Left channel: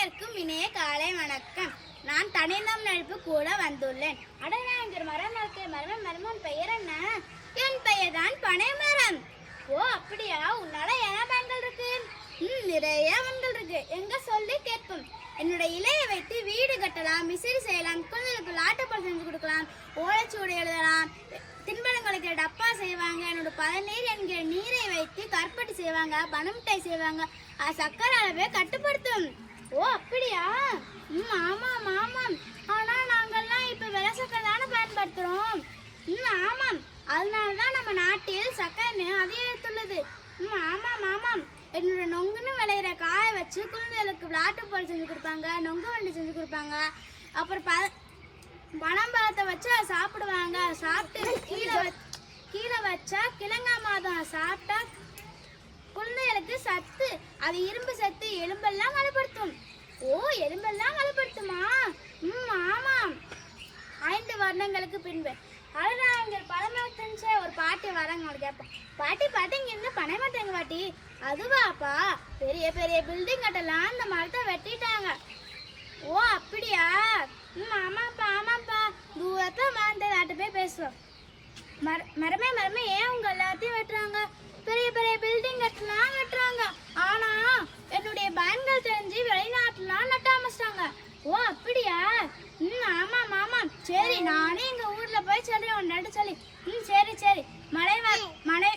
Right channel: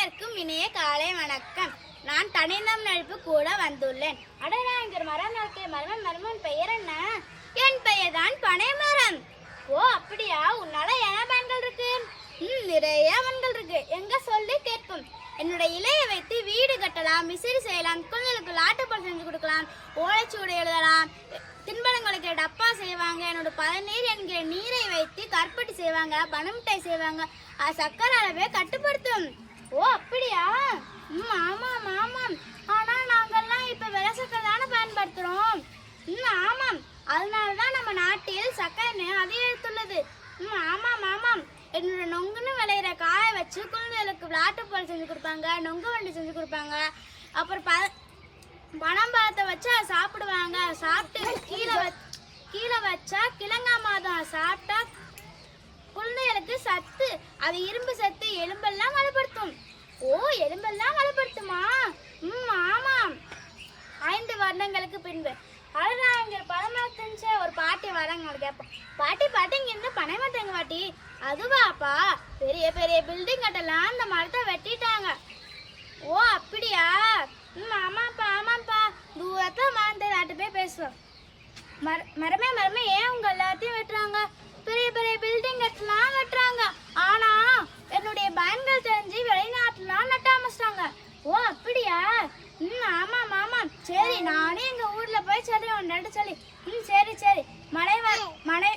அனைவருக்கும் இனிய காலை வணக்கம். நான் தனிந்தம் நடிப்பு கூட வந்துள்ளேன். அடடா, இங்க மரம் இருக்கு. மரமன் பெயர் என்ன? என் பெயர் தான் பனைமரம். ஓ அப்படியா? உன்னால என்ன பயன்கள் இருக்கு? நிறைய பயன்கள் இருக்கு. எங்க சொல்லி கேட்போம். என்னுடைய இலையை வைத்து வீடு கட்டலாம், விசிறி செய்யலாம், குழந்தைகளுக்கு லாட்டப்பல் செஞ்சு கொடுக்கலாம், ஓலைச்சூடு எழுதலாம், தின்பழங்களுக்கு டப்பா செய்வாங்க. என்னோட பதநீர் என்கிற நீரை வைத்து கற்பட்டி செய்வாங்க, பனமிட்டாய் செய்வாங்க. சக்கரை அளவை கட்டுப்படுத்தும். ஓ அப்படியா? ஆமாம் ஆமாம். ஆனா நாங்கெல்லாம் இப்ப வெள்ளை சக்கரை தானே பயன்படுத்துறோம். ஆமாம், அதனாலதான் நம்ம நாட்டில் சக்கரை அதிகரித்துள்ளது. ஆமாம் ஆமாம். என்னோட நொங்குன்னு விளையிற காய வச்சு குழந்தைகளுக்கு விளாட்டுப்பால் செஞ்சு கொடுப்பாங்க, நொங்கு வண்டி செஞ்சு கொடுப்பாங்க. அப்புறம் பனம்பழத்தை வச்சு சாப்பிடுவாங்க. சாப்பிட்டு கீழே வச்சா கிழங்கா மாதம் சாப்பிட்டா குழந்தைகளுக்கு சத்து. அது இரும்பு சத்து, எலும்பெல்லாம் வலுப்படுத்தும். ஓ, எலும்பெல்லாம் வலுப்படுத்துமா? ஆமாம். 5 வருடங்களுக்கு பின்பு அதுதான் இங்க பனைமரத்தின் ஒரு பாட்டி வராங்க. கேட்போம், பாட்டி இங்க இருந்து பனைமரத்தங்க பாட்டி. அதுவாப்பா, பெரிய பெரிய பில்டிங் கட்டலாம் அந்த மரத்தை வெட்டிட்டாங்க. ஓ அப்படியா? ஆமாப்பா. தூரத்துல மரத்தை நாட்டு போய் பேசுவோம். மரமே ஏன் உங்க எல்லாத்தையும் வெட்டுறாங்க? பெரிய பெரிய பில்டிங் கட்டுறாங்க. ஆனா என்னுடைய பயன்கள் தெரிஞ்சு வெளிநாட்டுலாம் நட்ட ஆரம்பிச்சிட்டாங்க. ஓ அப்படியா? ஆமாம். சரி, நானே எங்க ஊர்ல போய் சொல்லி ஒன்று சொல்லி. சரி. மழை